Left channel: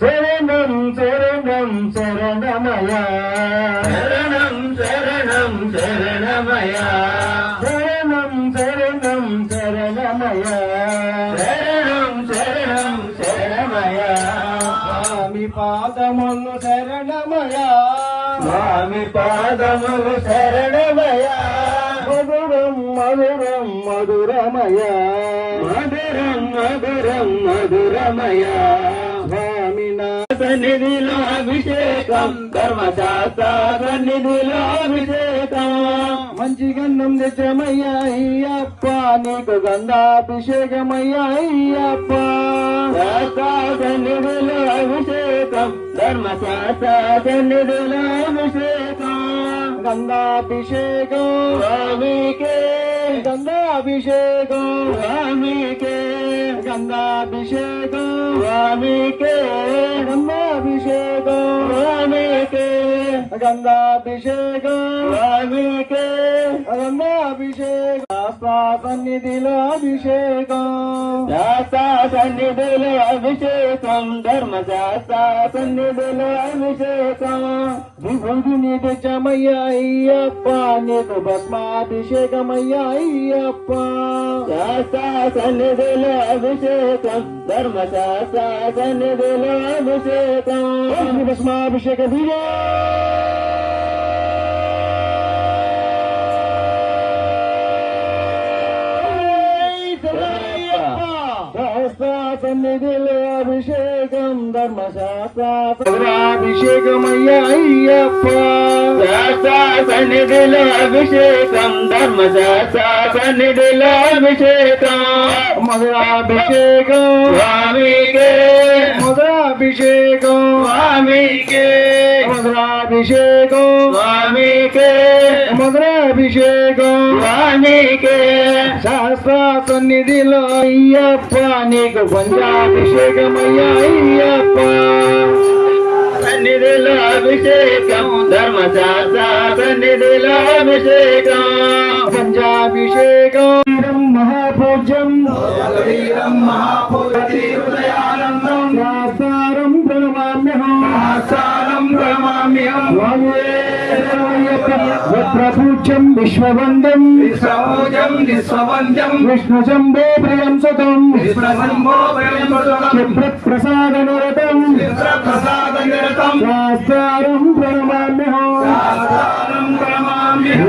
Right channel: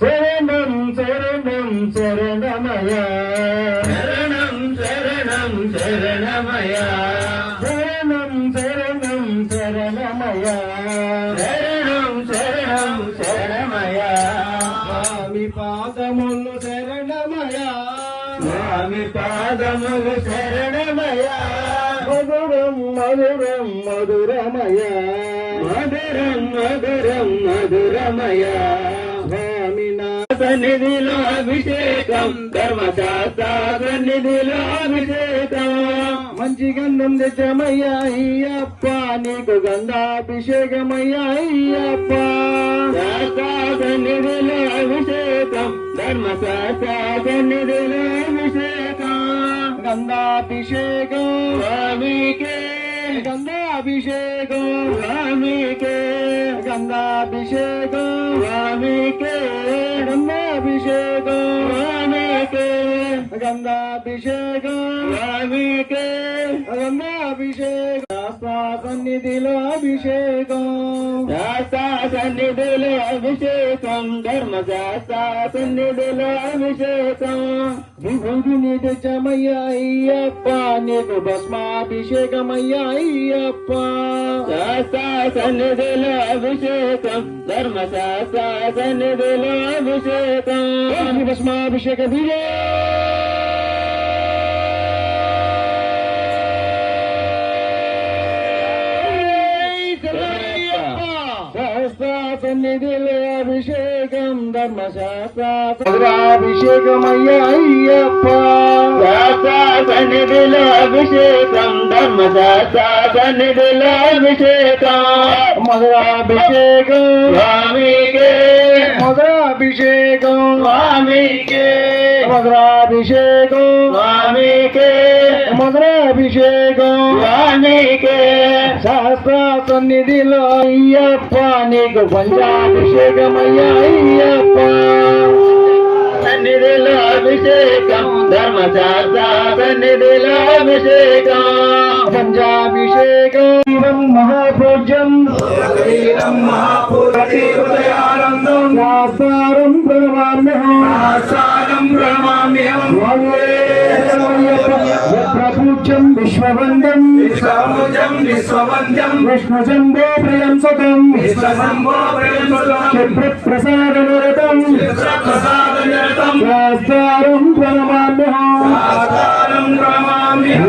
శరణం శరణం శరణమయ శరణం శరణం శరణమయ శరణం శరణం శరణమయ శరణం శరణం శరణమయ స్వామి పాదములు శరణమయ స్వామి పాదములు శరణమయ మధురం మధురం మధురమయ మధురం మధురం మధురమయ స్వామి నా సన్నిధిలో అభిషేకం ధర్మశాస్త్ర సన్నిధిలో అభిషేకం మంచి గంధం తెచ్చమయ్యా అయ్యప్ప నీకు గంధాభిషేకమయ్యా అయ్యప్ప శాస్త్ర సన్నిధిలో అభిషేకం ధర్మశాస్త్ర సన్నిధిలో అభిషేకం గంధాభిషేకం స్వామికే గంధాభిషేకం స్వామికే గంధాభిషేకం స్వామికే గంధాభిషేకం స్వామికే గంధాభిషేకం స్వామికే గంధాభిషేకం సన్నిధిలో అభిషేకం శాస్త్ర సన్నిధిలో అభిషేకం ధర్మశాస్త్ర సన్నిధిలో అభిషేకం విభూతిని తెచ్చమయ్యా అయ్యప్ప నీకు భస్మాభిషేకమయ్యా అయ్యప్ప శాస్త్ర సన్నిధిలో అభిషేకం ధర్మశాస్త్ర సన్నిధిలో అభిషేకం భస్మాభిషేక సన్నిధిలో అభిషేకం ధర్మశాస్త్రాభిషేకమయ్యా అయ్యప్ప శాస్త్ర సన్నిధిలో అభిషేకం ధర్మశాస్త్ర సన్నిధిలో అభిషేకం మధురాభిషేకం స్వామికే మధురాభిషేకం స్వామికే మధురాభిషేకం స్వామికే మధురాభిషేకం స్వామికే శాస్త్ర సన్నిధిలో అయ్యప్ప నీకు పంచాభిషేకమయ్యా అయ్యప్ప సన్నిధిలో అభిషేకం ధర్మశాస్త్ర సన్నిధిలో అభిషేకం పంచాభిషేకం మహాపూజ్యం హృదయానందం శాస్త్రం ప్రణమామ్యహం ప్రణమామ్యం ప్రపూజ్యం విశ్వవందం విశ్వభూజం విశ్వవంద్యం విష్ణు శంభో ప్రియం సుతం విశ్వశంభో ప్రియం సుతం క్షిప్రప్రసాదనరతం ప్రసాదనిరతం శాస్త్రం ప్రణమామ్యహం శాస్త్రం ప్రణమామ్యం